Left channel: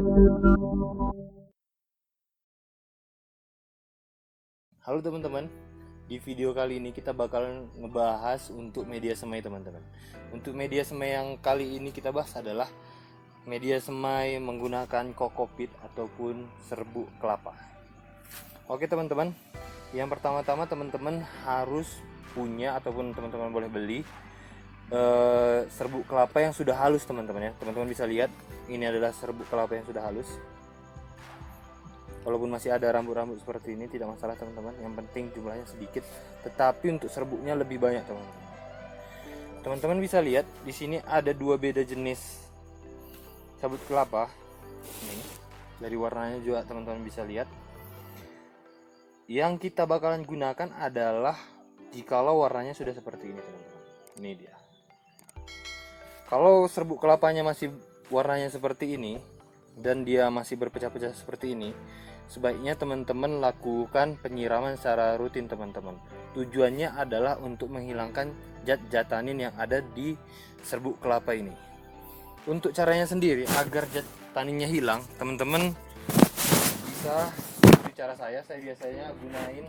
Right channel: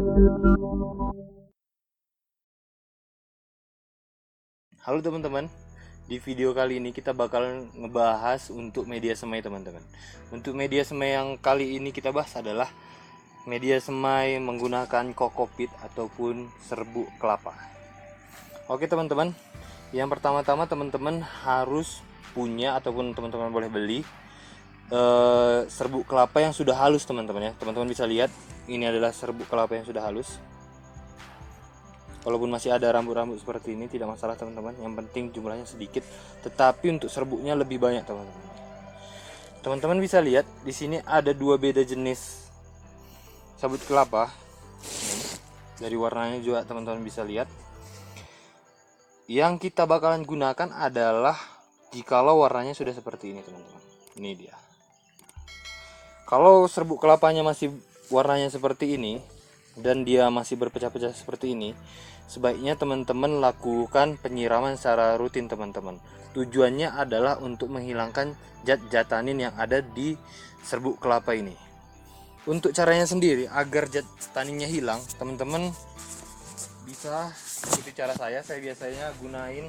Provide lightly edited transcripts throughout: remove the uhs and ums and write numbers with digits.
Halo teman-teman, di video kali ini kita bakal ngebahas untuk media semai teman-teman. Untuk media semai yang kali ini kita bahas adalah media semai menggunakan kokopit ataupun serbuk kelapa. Oke teman-teman, yang pertama-tama teman-teman harus punya ataupun teman-teman boleh beli serbuk kelapa yang sudah halus teman-teman ya. Teman-teman bisa lihat ini adalah serbuk kelapa yang sudah halus. Walaupun masih ada rambut-rambut seperti ini tidak masalah teman-teman, yang penting jumlahnya sedikit, tetapi untuk serbuknya lebih banyak teman-teman. Teman-teman bisa lihat di sini ada dua beda jenis sabut kelapa. Ini dari warnanya juga teman-teman bisa lihat. Yang kita bakalan gunakan adalah jikalau warnanya sudah seperti ini teman-teman. Ini dia. Kalau serbuk kelapanya masih warnanya seperti ini dan dia masih berpecah-pecah seperti ini, sebaiknya teman-teman lakukan penyiraman secara rutin teman-teman. Tujuannya adalah untuk menghilangkan zat-zat tanin yang ada di serbuk kelapa ini. Untuk caranya sendiri agar zat taninnya hilang, teman-teman bisa ikuti cara saya biasanya gunain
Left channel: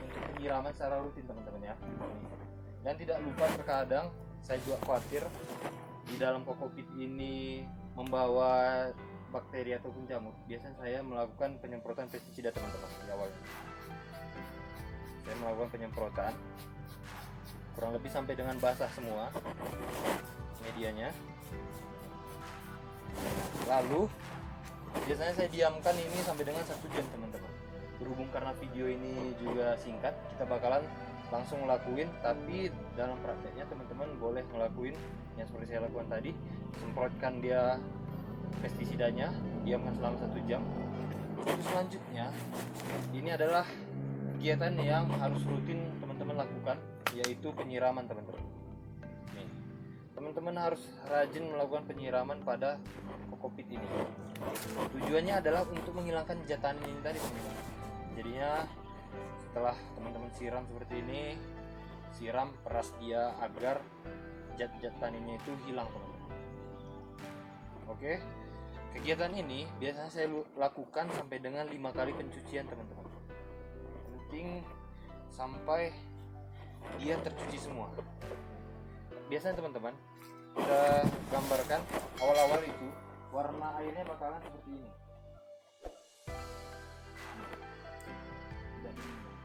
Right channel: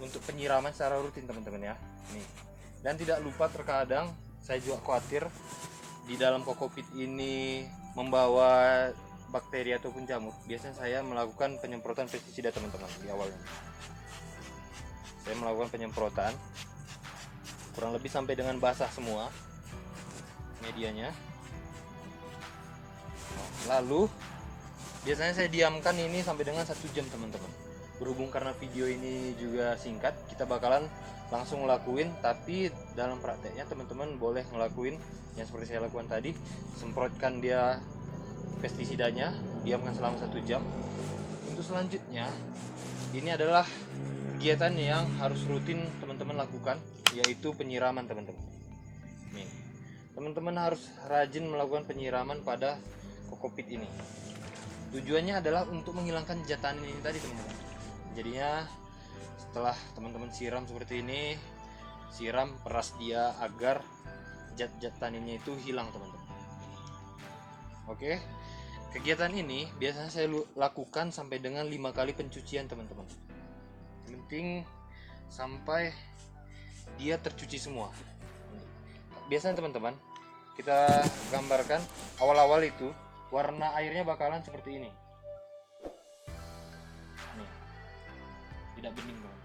untuk penyiraman secara rutin teman-teman ya. Nih. Dan tidak lupa terkadang saya juga khawatir di dalam kokopit ini membawa bakteri ataupun jamur. Biasanya saya melakukan penyemprotan pestisida teman-teman di awalnya. Saya melakukan penyemprotan kurang lebih sampai dengan basah semua medianya. Lalu biasanya saya diamkan ini sampai dengan 1 jam teman-teman. Berhubung karena video ini juga singkat, kita bakalan langsung ngelakuin, tapi dalam prakteknya teman-teman boleh ngelakuin yang seperti saya lakukan tadi, semprotkan dia pestisidanya, diamkan selama 1 jam. Untuk selanjutnya, ini adalah kegiatan yang harus rutin teman-teman lakukan, yaitu penyiraman teman-teman. Nih, teman-teman harus rajin melakukan penyiraman pada kokopit ini. Tujuannya adalah untuk menghilangkan zat tanin ini tadi teman-teman. Jadinya setelah teman-teman siram seperti ini, siram peras dia agar zat-zat taninnya itu hilang teman-teman. Oke, kegiatan ini biasanya saya lakukan sampai dengan 5 kali pencucian teman-teman. Penting sampai dia tercuci semua. Biasanya teman-teman kita gambarkan awal-awal itu warna airnya bakalan seperti ini. Tidak bening teman.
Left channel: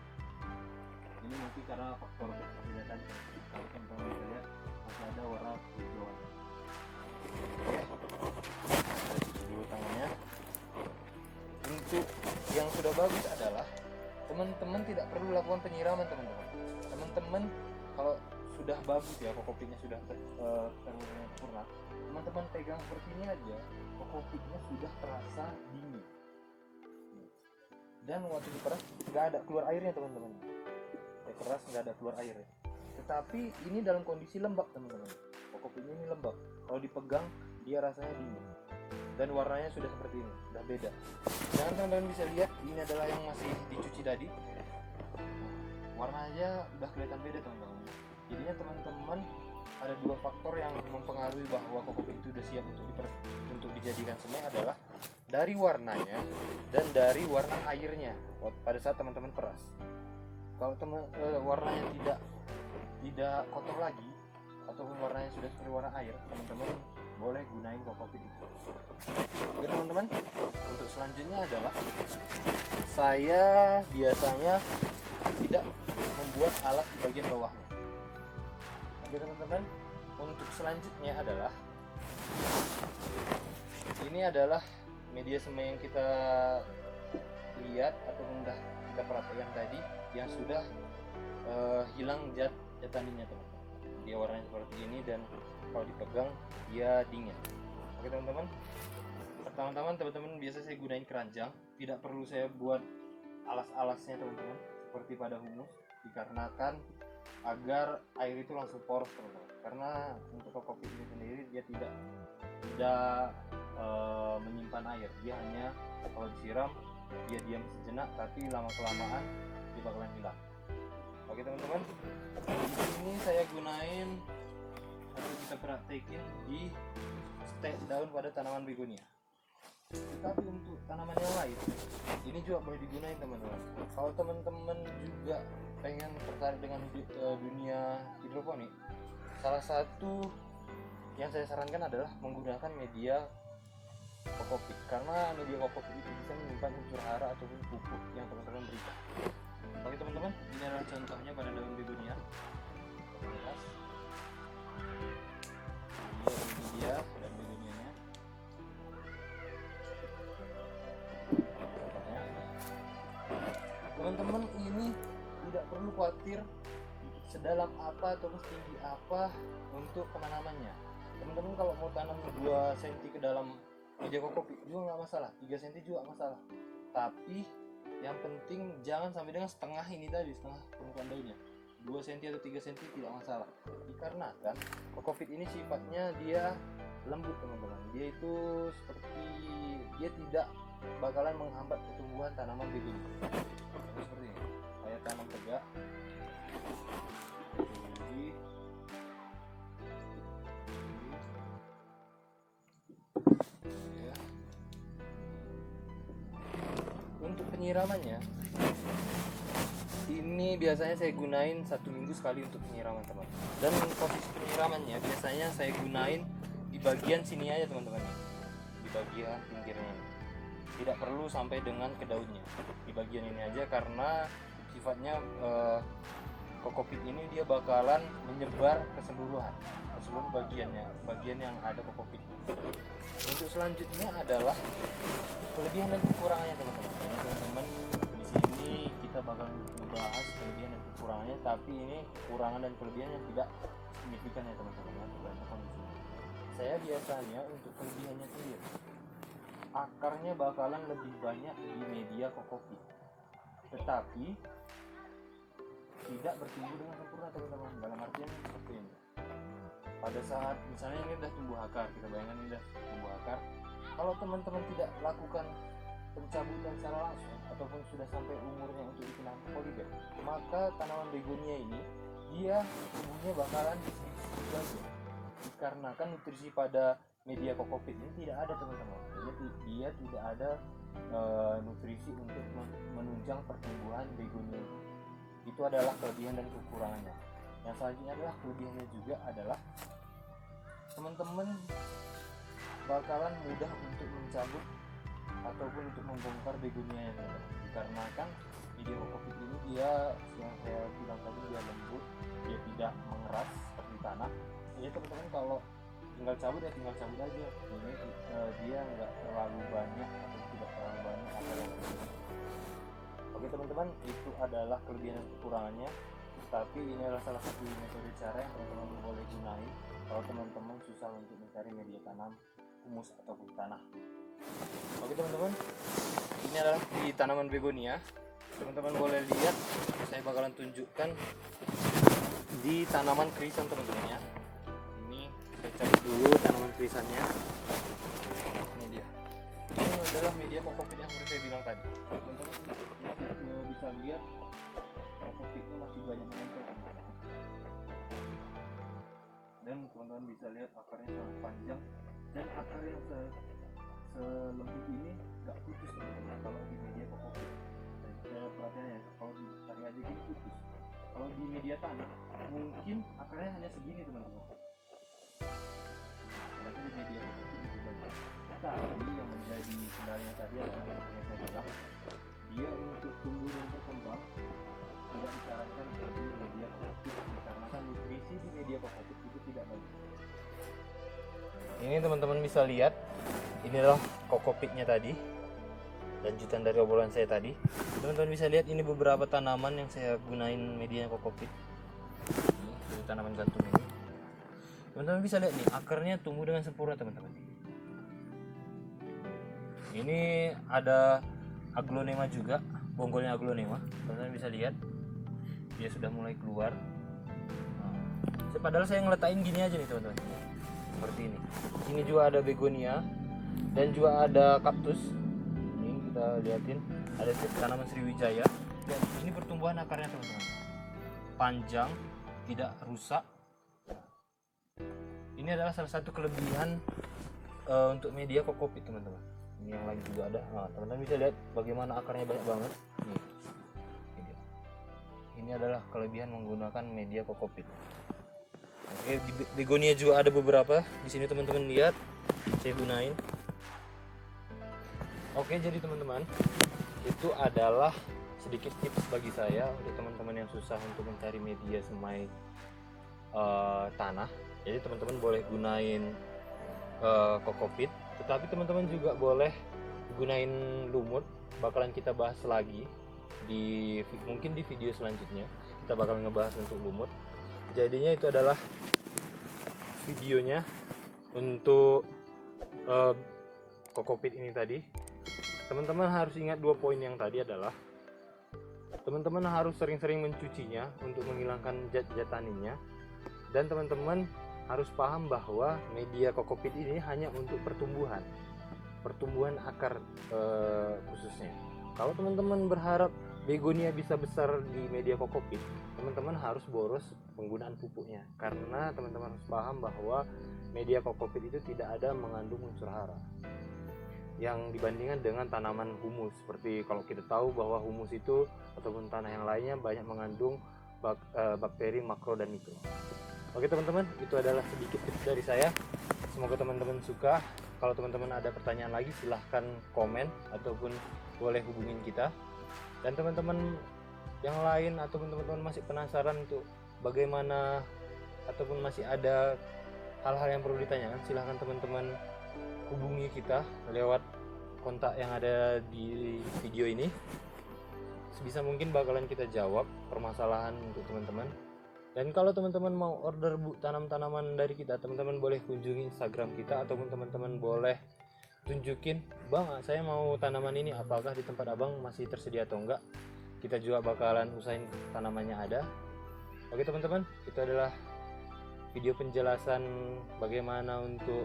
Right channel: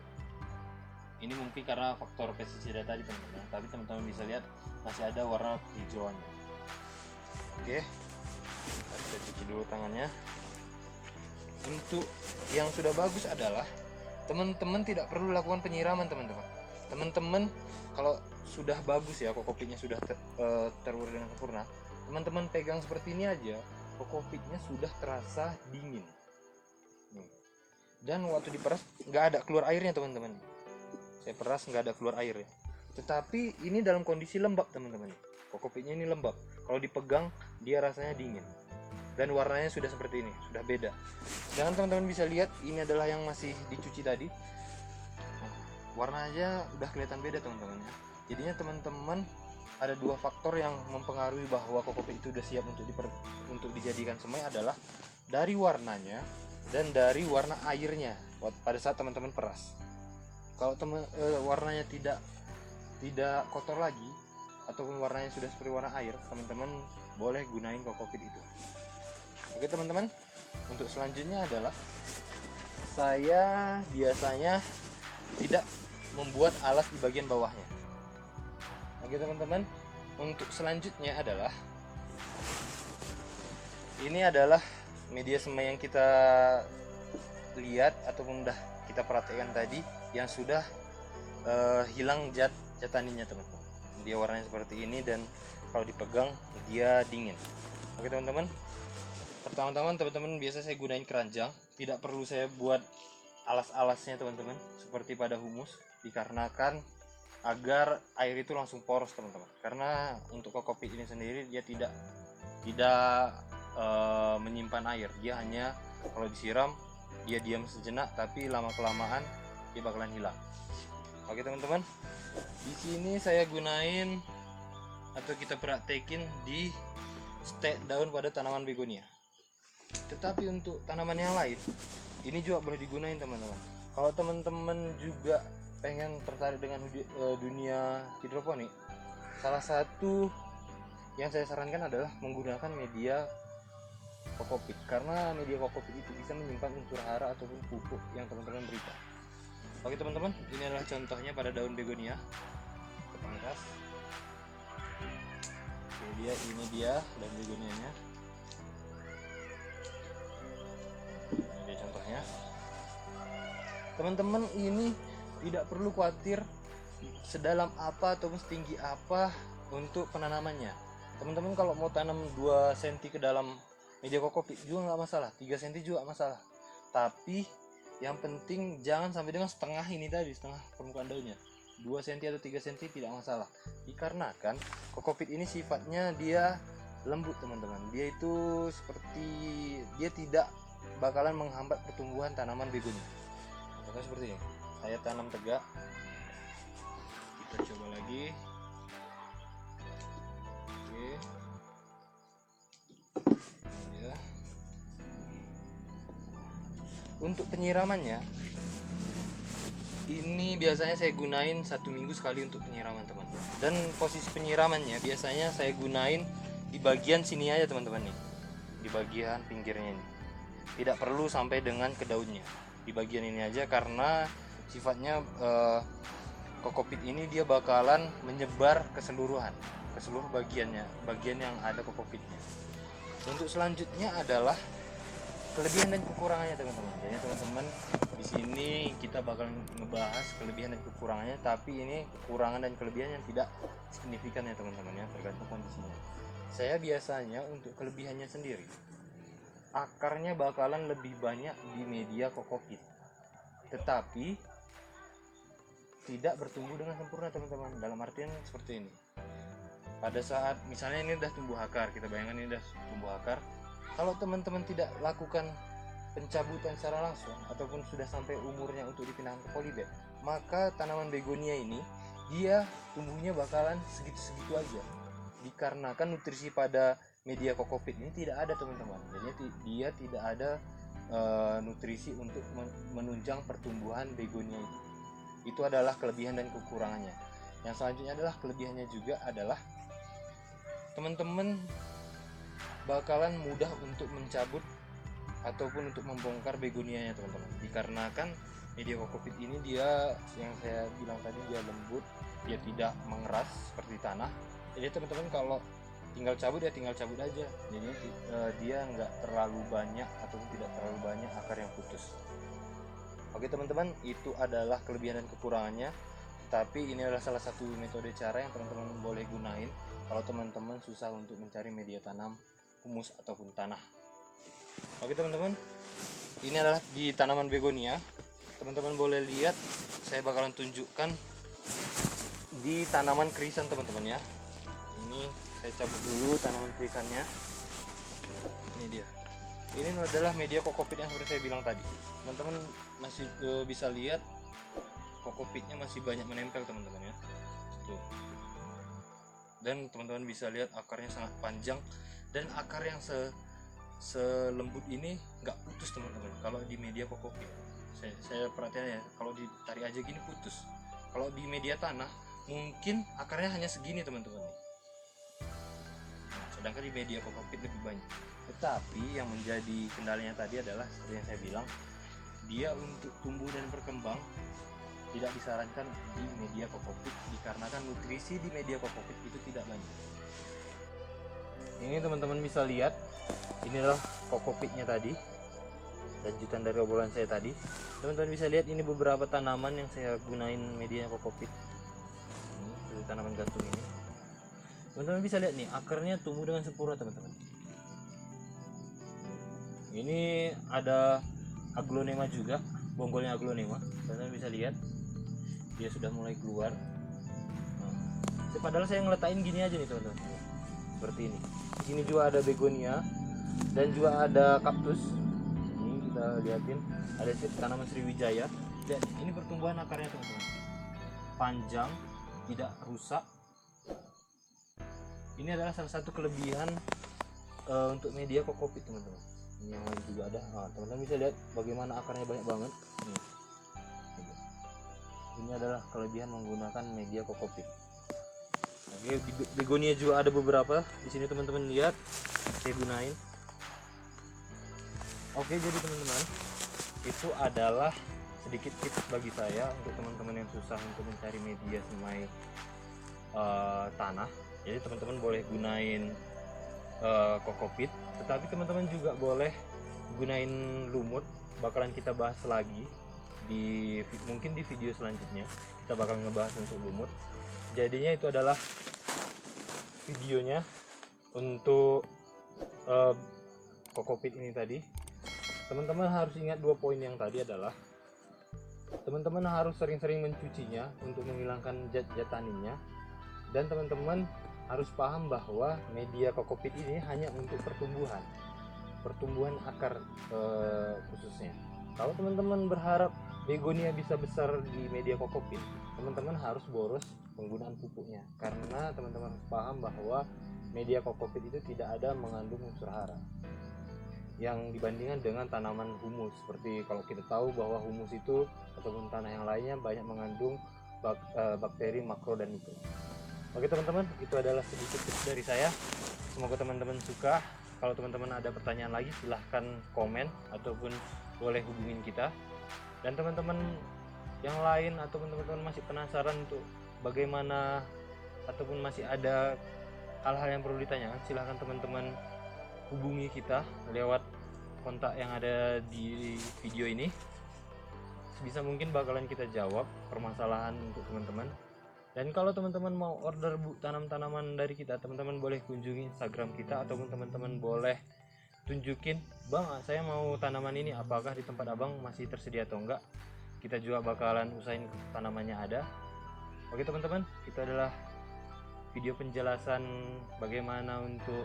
Ini mungkin karena faktor pestisida tadi teman-teman. Tapi teman-teman bisa lihat masih ada warna hijauan. Oke, kita cuci dulu tangannya. Untuk yang sudah bagus adalah teman-teman tidak perlu lakukan penyiraman teman-teman. Teman-teman kalau sudah bagus ya, kokopitnya sudah terurus dengan sempurna, teman-teman pegang seperti ini aja, kokopitnya sudah terasa dingin. Dan waktu diperas nggak ada keluar airnya teman-teman. Saya peras nggak ada keluar airnya. Tetapi ini dalam kondisi lembab teman-teman. Kokopitnya ini lembab. Kalau dipegang dia rasanya dingin. Dan warnanya sudah seperti ini, sudah beda. Dan teman-teman bisa lihat ini adalah yang masih dicuci tadi. Warnanya udah kelihatan beda teman-teman. Jadinya teman-teman ada dua faktor yang mempengaruhi bahwa kokopit itu sudah siap untuk dijadikan semai adalah dari warnanya dan dari warna airnya pada saat teman-teman peras. Kalau warnanya tidak kotor lagi ataupun warnanya sudah seperti warna air, teman-teman boleh gunain kokopit itu. Oke teman-teman, untuk selanjutnya adalah saya biasanya tidak membuat alas di bagian bawahnya. Oke teman-teman, untuk selanjutnya adalah ini adalah media semai yang kita lihat ataupun udah kita perhatikan tadi yang sudah hilang zat taninnya teman-teman. Dia warnanya seperti ini dan kalau dipegang dia dingin. Oke teman-teman, pertama-tama teman-teman biasa saya gunain keranjang, tidak perlu saya buat alas-alasnya teman-teman seperti pada humus, dikarenakan agar air itu langsung poros teman-teman. Karena untuk kokopit ini sendiri dia tidak menyimpan air, dia hanya kalau disiram dia diam sejenak, tapi lama kelamaan dia bakalan hilang. Oke teman-teman, di sini saya gunain atau kita praktekin di stek daun pada tanaman begonia. Tetapi untuk tanaman yang lain ini juga boleh digunakan teman-teman. Kalau teman-teman juga pengen tertarik dengan dunia hidroponik, salah satu yang saya sarankan adalah menggunakan media kokopit, karena media kokopit itu bisa menyimpan unsur hara ataupun pupuk yang teman-teman berikan. Oke teman-teman, ini adalah contohnya pada daun begonia. Miras. Ini dia daun begonianya. Ini contohnya. Teman-teman ini tidak perlu khawatir sedalam apa ataupun setinggi apa untuk penanamannya. Teman-teman kalau mau tanam 2 cm ke dalam media kokopit juga nggak masalah, 3 cm juga masalah. Tapi yang penting jangan sampai dengan setengah ini tadi, setengah permukaan daunnya. 2 cm atau 3 cm tidak masalah. Dikarenakan kokopit ini sifatnya dia lembut teman-teman. Dia itu seperti dia tidak bakalan menghambat pertumbuhan tanaman begonia. Contohnya seperti ini. Saya tanam tegak. Kita coba lagi. Oke. Ya. Untuk penyiramannya, ini biasanya saya gunain 1 minggu sekali untuk penyiraman teman-teman. Dan posisi penyiramannya biasanya saya gunain di bagian sini aja teman-teman nih, di bagian pinggirnya ini. Tidak perlu sampai dengan ke daunnya, di bagian ini aja, karena sifatnya kokopit ini dia bakalan menyebar keseluruhan, ke seluruh bagiannya, bagian yang ada kokopitnya. Untuk selanjutnya adalah kelebihan dan kekurangannya teman-teman. Jadi teman-teman di sini kita bakal ngebahas kelebihan dan kekurangannya, tapi ini kekurangan dan kelebihannya tidak signifikan ya teman-teman ya, tergantung kondisinya. Saya biasanya untuk kelebihannya sendiri, akarnya bakalan lebih banyak di media kokopit, tetapi tidak bertumbuh dengan sempurna teman-teman. Dalam artian seperti ini, pada saat misalnya ini udah tumbuh akar, kita bayangkan ini udah tumbuh akar, kalau teman-teman tidak lakukan pencabutan secara langsung ataupun sudah sampai umurnya untuk dipindahkan ke polybag, maka tanaman begonia ini dia tumbuhnya bakalan segitu-segitu aja, dikarenakan nutrisi pada media kokopit ini tidak ada teman-teman. Jadi dia tidak ada nutrisi untuk menunjang pertumbuhan begonia itu. Itu adalah kelebihan dan kekurangannya. Yang selanjutnya adalah kelebihannya juga adalah teman-teman bakalan mudah untuk mencabut ataupun untuk membongkar begonianya teman-teman, dikarenakan media kokopit ini dia yang saya bilang tadi dia lembut, dia tidak mengeras seperti tanah. Jadi teman-teman kalau tinggal cabut ya tinggal cabut aja, jadi dia nggak terlalu banyak ataupun tidak terlalu banyak akar yang putus. Oke teman-teman, itu adalah kelebihan dan kekurangannya, tapi ini adalah salah satu metode cara yang teman-teman boleh gunain kalau teman-teman susah untuk mencari media tanam humus ataupun tanah. Oke teman-teman, ini adalah di tanaman begonia. Teman-teman boleh lihat, saya bakalan tunjukkan di tanaman krisan teman-teman ya. Ini saya cabut dulu tanaman krisannya. Ini dia. Ini adalah media kokopit yang seperti saya bilang tadi. Teman-teman masih bisa lihat kokopitnya masih banyak menempel teman-teman ya. Tuh. Dan teman-teman bisa lihat akarnya sangat panjang, dan akar yang selembut ini nggak putus teman-teman. Kalau di media kokopit saya perhatikan ya, kalau ditarik aja gini putus. Kalau di media tanah mungkin akarnya hanya segini teman-teman, sedangkan di media kokopit lebih banyak. Tetapi yang menjadi kendalanya tadi adalah seperti yang saya bilang, dia untuk tumbuh dan berkembang tidak disarankan di media kokopit, dikarenakan nutrisi di media kokopit itu tidak banyak. Ini teman-teman bisa lihat, inilah kokopitnya tadi, lanjutan dari obrolan saya tadi. Teman-teman bisa lihat ini beberapa tanaman yang saya gunain medianya kokopit. Ini tanaman gantung ini. Teman-teman bisa lihat nih, akarnya tumbuh dengan sempurna teman-teman. Ini ada aglonema juga, bonggolnya aglonema. Teman-teman bisa lihat, dia sudah mulai keluar. Padahal saya ngeletakin gini aja nih teman-teman, seperti ini. Ini juga ada begonia dan juga ada kaktus. Ini kita liatin, ada tanaman Sriwijaya. Dan ini pertumbuhan akarnya teman-teman, panjang, tidak rusak. Ini adalah salah satu kelebihan untuk media kokopit teman-teman. Ini yang lain juga ada. Nah, teman-teman bisa lihat bagaimana akarnya banyak banget. Nih, ini adalah kelebihan menggunakan media kokopit. Oke, di begonia juga ada beberapa. Di sini teman-teman lihat, saya gunain. Oke, jadi teman-teman, itu adalah sedikit tips bagi saya untuk teman-teman yang susah untuk mencari media semai tanah. Jadi teman-teman boleh gunain kokopit, tetapi teman-teman juga boleh gunain lumut. Bakalan kita bahas lagi mungkin di video selanjutnya. Kita bakal ngebahas untuk lumut. Jadinya itu adalah videonya untuk kokopit ini tadi. Teman-teman harus ingat 2 poin yang tadi adalah teman-teman harus sering-sering mencucinya untuk menghilangkan zat-zat taninnya, dan teman-teman harus paham bahwa media kokopit ini hanya untuk pertumbuhan akar khususnya. Kalau teman-teman berharap begonia bisa besar di media kokopit, teman-teman harus boros penggunaan pupuknya, karena teman-teman harus paham bahwa media kokopit itu tidak ada mengandung unsur hara yang dibandingkan dengan tanaman humus. Seperti kalau kita tahu bahwa humus itu ataupun tanah yang lainnya banyak mengandung bakteri makro dan mikro. Oke teman-teman, itu adalah sedikit tips dari saya. Semoga teman-teman suka. Kalau teman-teman ada pertanyaan lagi, silahkan komen ataupun boleh hubungin kita. Dan teman-teman yang lain ataupun teman-teman masih penasaran untuk bagaimana ataupun masih ada hal-hal yang perlu ditanyakan, silahkan teman-teman hubungi kita lewat kontak yang ada di video ini. Sebisa mungkin bakalan kita jawab permasalahan untuk teman-teman. Dan kalau teman-teman mau order tanam-tanaman dari kita, teman-teman boleh kunjungi Instagram kita, ataupun teman-teman boleh tunjukin, bang saya mau tanaman ini, apakah di tempat abang masih tersedia atau enggak. Kita juga bakalan usahain tanamannya ada. Oke teman-teman, itu adalah video penjelasan bagaimana untuk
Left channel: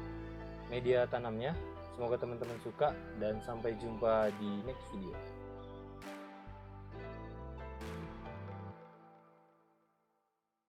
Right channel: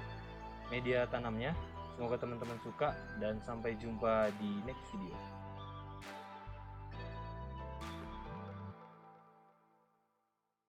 media tanamnya. Semoga teman-teman suka, dan sampai jumpa di next video.